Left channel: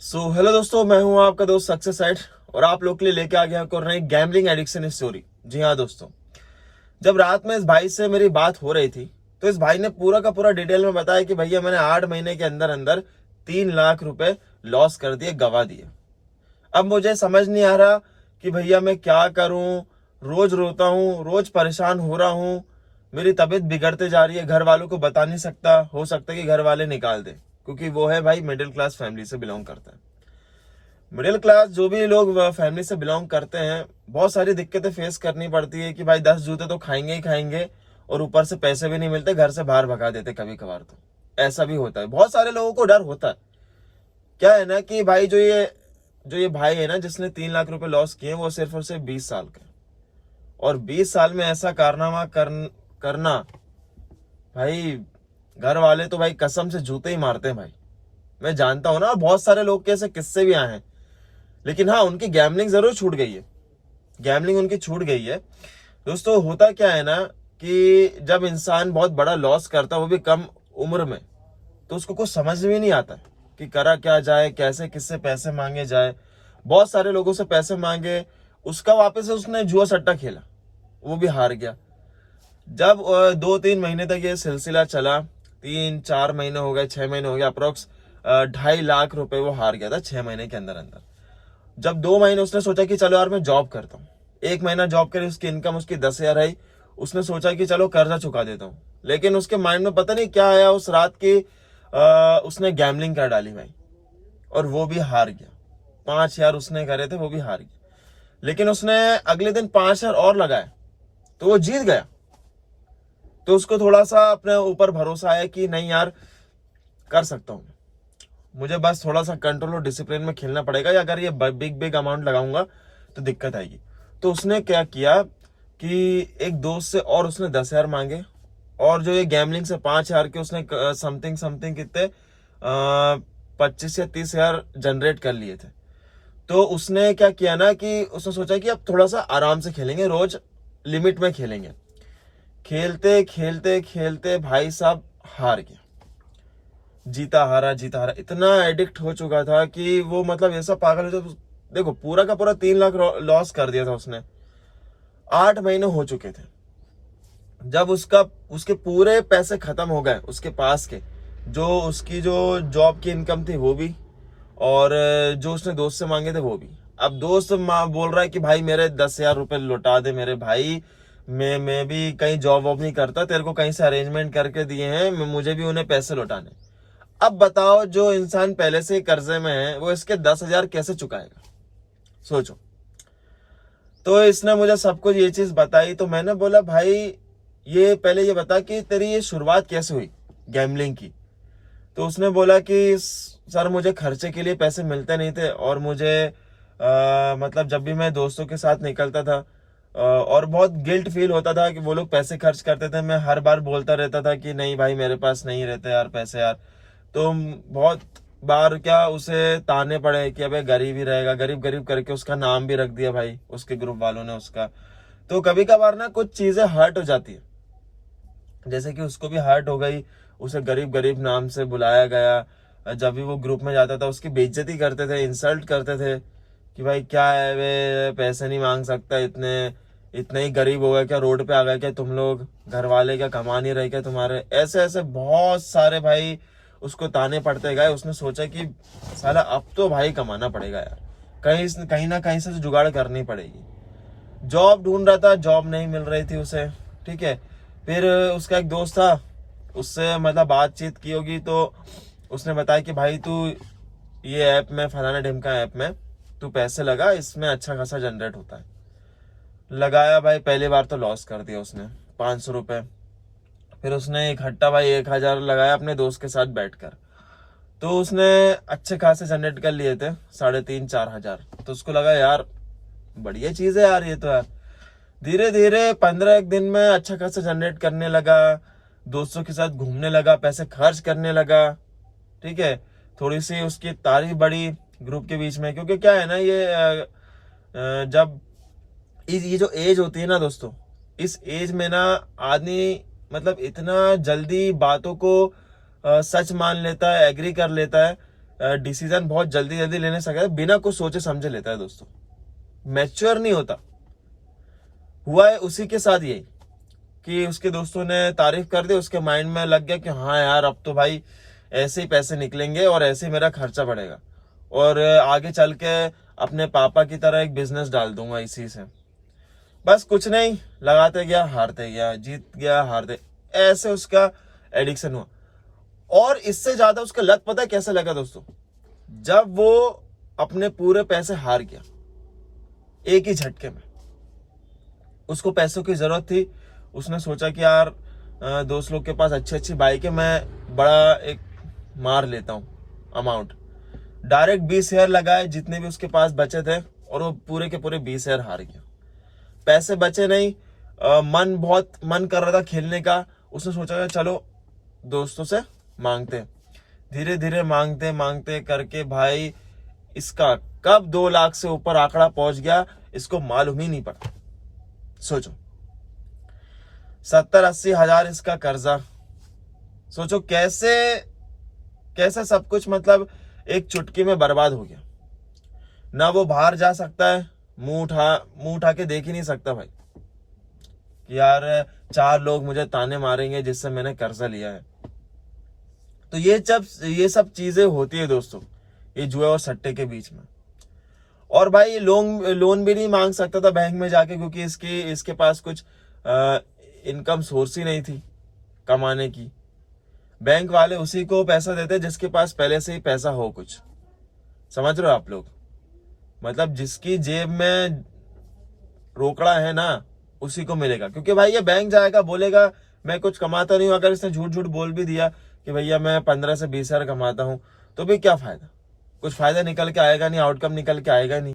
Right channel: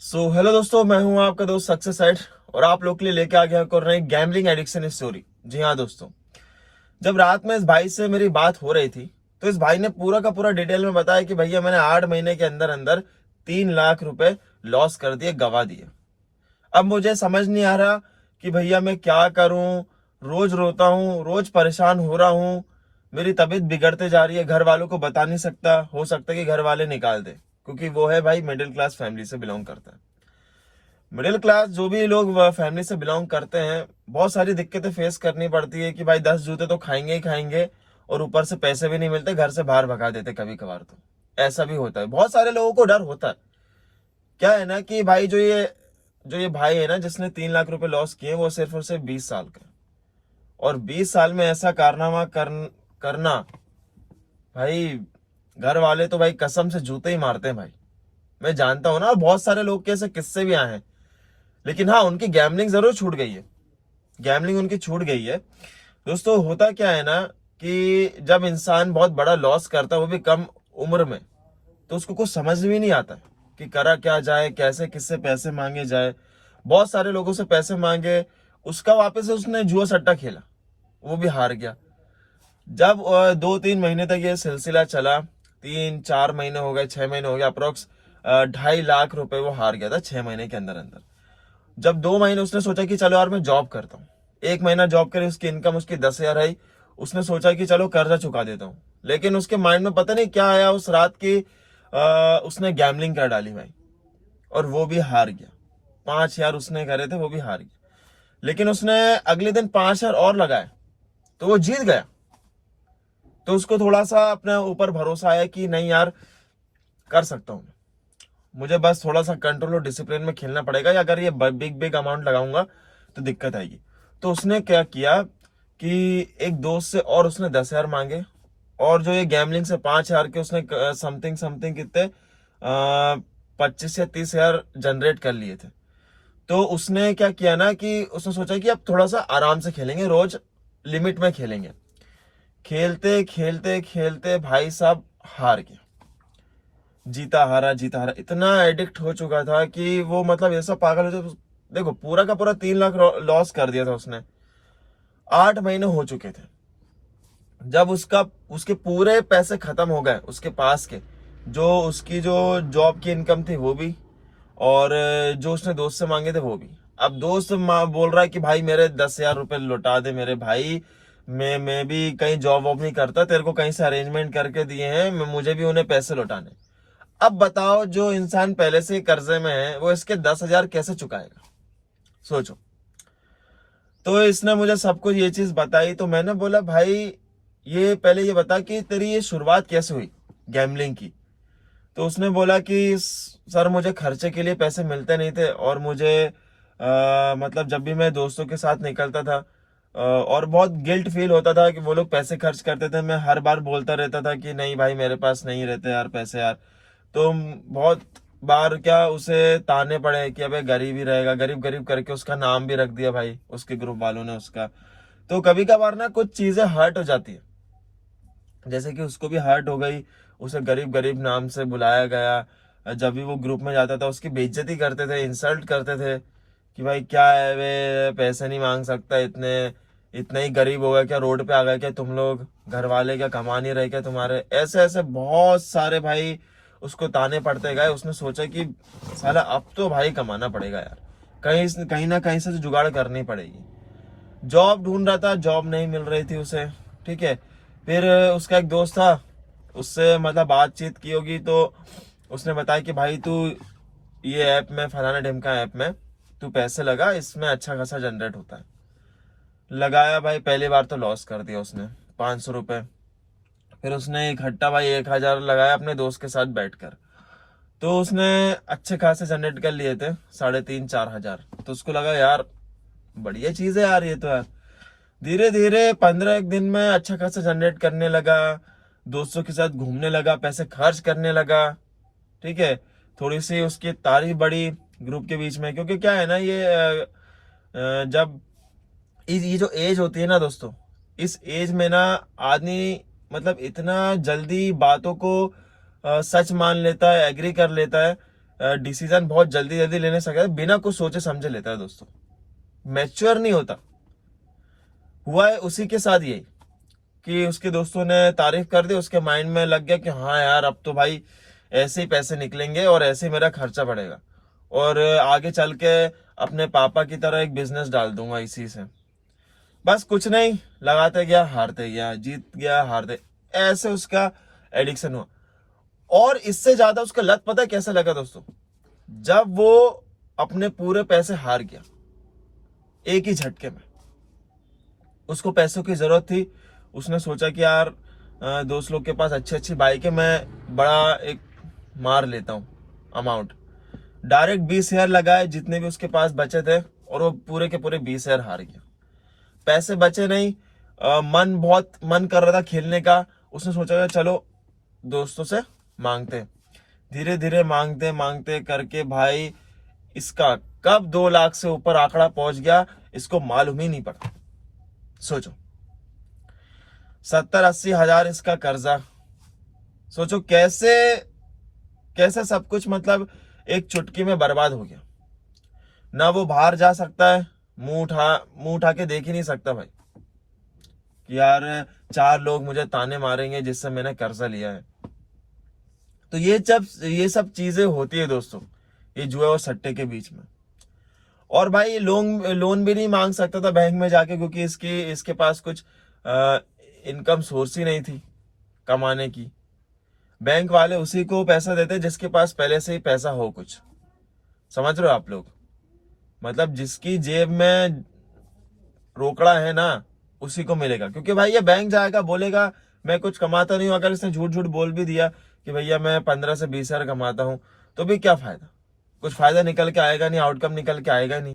Hello दोस्तों, मैं हूं आपका दोस्त सक्सेस साइड और आप लोग के लिए लेके आ गया कर रहे गैम्बलिंग एडिक्शन स्टोरी। जी हाँ दोस्तों, जब रात में इस भाई से मेरी बात हो रही थी तो इस भाई ने पूरा का पूरा डिटेल में बताया कि भैया मैंने 8 महीने के अंदर अंदर 3 लाख रुपए लॉस कर दिए, गवा दिए। अब मुझे समझ नहीं आ रहा कि भैया मैं क्या करूं। रोज रोता हूं, रोज परेशान हो रहा हूं, मेरी तबीयत बिगड़ते जा रही है। घर वालों को बता नहीं सकता, हो सकता है कि घर वाले निकाल दे, क्योंकि वो है भाई मिडिल क्लास फैमिली से बिलोंग करता है। मिडिल क्लास जो भी लोग फैमिली से बिलोंग करते हैं, बहुत सारी दिक्कतें फेस करनी पड़ती है कि भाई 10 जूते तो खाएंगे ही खाएंगे, और ऊपर से पैसे भी नहीं मिलते, घर से बाहर भगा देते कभी कभार। तो ऐसा भी होता है, बहुत सारे लोगों को डर होता है। क्या है ना कि भाई जो ये भाई है ना जिसने 3 लाख रुपए लॉस किए, वो सिर्फ और सिर्फ 20 साल का है। और 20 साल में ऐसा कारनामा करना, भाई घर वाले तो भाई कसम से जूते ही मारते हैं भाई। मैं जानता हूं ना, बहुत सारे लोग के ऐसे किस्से भी आए हैं। लेकिन हाँ, उनकी गैमलिंग जरूर छूट गई है, गैमलिंग उनकी छूट गई है। दोस्तों होता क्या है ना कि जब इंसान बहुत बड़ा लॉस करता है, वो भी कम उम्र में, तो उसको कुछ समझ में नहीं आता कि करा क्या जाए, कैसे किससे पैसे मांगे जाए। बहुत सारे लोगों से पैसे मांगे, उसका वापस से उसने जुआ सट्टा खेला, वो भी हार गया। जब 2-3 महीने तक ये सिलसिला चला, 3-4 महीने हो गए, 6 महीने हो गए, अप्रोक्स 2.5 लाख रुपए वो हार गया था 6 महीने के अंदर अंदर। जब 2 महीने उसने सोचा कि चलो यार मैं जॉब करता हूँ, 1 महीना जॉब करी, उसकी इनकम उसकी 10,000 आई। उसने सोचा कि चलो कर्जा चुका देता हूँ, लेकिन उसके माइंड में पता नहीं क्या आया उस रात की, उसने गैमलिंग कर डाली भाई, और वो भी हार गया। 5,000 उसने करे थे, वो भी हार गया। लेकिन उसने अगले दिन 5,000 और लगाए, तो वो जीत गया। तो उसको थोड़ा सा अपने ऊपर भरोसा आया कि नहीं यार, कर सकता हूँ, मुझे बस थोड़ा सा कंट्रोल और डिसिप्लिन में खेलना पड़ेगा, या अगर ये बिग बिग अमाउंट लगाऊंगा तो दिक्कत आएगी। तो उसने क्या किया कि एक दोस्त से और उसने 10,000 मांगे, और जो ये गैमलिंग से 5,000 के उसने समथिंग समथिंग कितने 25 या 30 हजार जनरेट कर लिए थे। तो उसने क्या किया ना कि उसने सोचा कि अब थोड़ा सा आराम से खेलेंगे, रोज लिमिट में खेलेंगे। खेलते खेलते खेलते भाई साहब हार गया। जीता हारा जीता हारा, इतना एडिक्ट हो चुका था कि वो मतलब ऐसा पागल हो जाता। देखो पूरा का पूरा 3 लाख लॉस कर दिया था उसने। 8 महीने हो चुके थे। जब उसके पूरे पैसे खत्म हो गए उसके पास के, जो उसकी जो जॉब की इनकम थी वो भी, और जो उसने दोस्त से मांगे थे वो भी। अब दोस्त बोल रहा है कि भाई मेरे 10,000 रुपए लौटा दे मेरे भाई, मैं भी कहीं जॉब वॉब नहीं करता, तेरे को कहीं से अरेंजमेंट करके दिए हैं, मुझे भी उन्हें पैसे लौटाने। अब बताओ, जो इंसान पहले से ही कर्जे में है, वो इसके 10,000 कैसे चुकाएगा? सोचो। तो इसने मुझे सब कुछ ये चीज बताई, तो मैंने बोला भाई ये पहले ये बता कि तेरी ये शुरुआत कैसे हुई गैम्बलिंग की। तो उसने बोला कि सर मुझे खर्चे के लिए पैसे मिलते नहीं थे, और मुझे मतलब जब भी मैं दोस्तों के साथ निकलता था, और बहुत गिल्ट फील होता था कि वो लोग पैसे खर्च करते थे, मैं हर बार बोलता रहता था कि नहीं भाई मेरे पास नहीं रहते यार पैसे यार। तो बहुत बार क्या उसे ताने पड़े कि अबे गरीब ही रहेगा, गरीब गरीब करके उसका नाम भी रख दिया भाई उसके ग्रुप वालों ने उसका। तो कभी कभार ना कुछ चीजें हर्ट हो जाती है, जैसे कि उसको भी हर्ट हो गई, उसे गरीब गरीब नाम से बुलाया गया। जब भी वो ग्रुप में जाता था उसकी बेइज्जती करते थे, इंसल्ट करते थे कि भाई क्या है वे, पैसे नहीं मांग सकता, इतने इतने ही गरीब हो गए क्या, रोड पे आ गए क्या तुम लोग, घर वाले क्या कमा नहीं रहे क्या तुम्हारे, ऐसे ऐसे बहुत सारे भाई उसको ताने पड़ते गए। उसने सोचा कि साला अब तो भाई कमाना पड़ेगा यार, कहीं कहीं ना कहीं से तो जुगाड़ करनी पड़ेगी। जॉब ढूंढ रहा था, जॉब नहीं मिल रही थी उसे। ठीक है, फिर उसका एक दोस्त था, उससे मतलब बातचीत की होगी, तो उसने बताया कि भाई तू ये ऐप में, फलाना ढिमका ऐप में तू पैसे लगा, इसमें अच्छा खासा जनरेट होता है। लगाया भाई, पहली बार तो लॉस कर दिया उसने 500 रुपए। फिर उसने इकट्ठा भाई 1,000 लगाया अपने दोस्त के साथ बैठकर। तो उसने अच्छे खासे जनरेट कर लिए थे, 3,500-4,000। तो उसको लगा यार बढ़िया चीज है यार ये तो यार। धीरे धीरे 15 एक दिन में अच्छा खासा जनरेट करने लगा, दोस्तों के साथ घूमने लगा, पैसे खर्च करने लगा। ठीक है, थोड़ी सी उसकी तारीफ बढ़ी ग्रुप के बीच में, क्योंकि क्या है ना ये जब ये जो एज होती है ना दोस्तों, इस एज में ना आदमी मतलब इतना जल्दी बातों को सच मान लेता है, एग्री कर लेता है। डिसीजन बहुत जल्दी जल्दी लेने सकता है, बिना कुछ सोचे समझे लेता है दोस्तों, मैच्योर नहीं होता। हुआ है उसी के साथ यही कि उसके दोस्तों ने तारीफ कर दी, उसके माइंड में लग गया कि हाँ यार अब तो भाई ऐसे ही पैसे निकलेंगे और ऐसे ही मेरा खर्चा बढ़ेगा, और आगे चल के अपने पापा की तरह एक बिजनेस डाल दूंगा इसी से। बस कुछ नहीं, लगाते गया हारते गया, जीत गया हारते, ऐसे उसका एडिक्शन हुआ। और इससे ज्यादा उसका लत पता है कैसे लगा दोस्तों, जब वो अपने पूरे पैसे हार गया एक ही झटके में। उसको पैसों की जरूरत थी, उसने सोचा कि यार दोस्त लोग के पास अच्छी अच्छी बाइक है, मैं बड़ा एक मार लेता हूँ अमाउंट। डायरेक्ट 20,000 लगाए जितने भी उसके पास बचे थे, और वो पूरे के पूरे 20,000 हार गया। पैसे बचे नहीं, बहुत मन कर रहा था खेलने का, उसने सोचा चलो दोस्तों से मांगते। धीरे धीरे मांगते मांगते करके भाई इसका कब 2 लाख से ऊपर आंकड़ा पहुंच गया इसको मालूम ही नहीं पड़ा। सोचो 70-80 हजार इसका कर्जा। सोचो कैसे कैसे सब कुछ मतलब एक चुटकी में बर्बाद हो गया। ना वो बाहर जा सकता है, मुंह उठा के देख ही नहीं सकता भाई कि यार 4 लोग मुझे ताने मारेंगे जिससे मैंने कर्जा लिया है। तो ये सब चीजें होती है दोस्तों, ये जुए और सट्टे के बीच में। और भाई लोन भी नहीं मांग सकता था बैंक में जाके, क्योंकि इसके पास कुछ इनकम सोर्स ही नहीं थी कमाने की। बैंक वाले उसी को पैसा देते जिसके पास पहले से ही पैसा हो कुछ। समझ रहे हो आप लोग, मतलब जिसकी जेब में रोकड़ा है ना उसी को मिलेगा। क्योंकि भाई ये बैंक जाएगा बोलेगा मैं कुछ कमाता नहीं हूं, अगर इसने झूठ झूठ बोल भी दिया कि भैया मैं 15 से 20 हजार कमाता हूं, तो भी क्या फायदा, कुछ फायदा निकल के आएगा नहीं, आउटकम निकल के आएगा नहीं।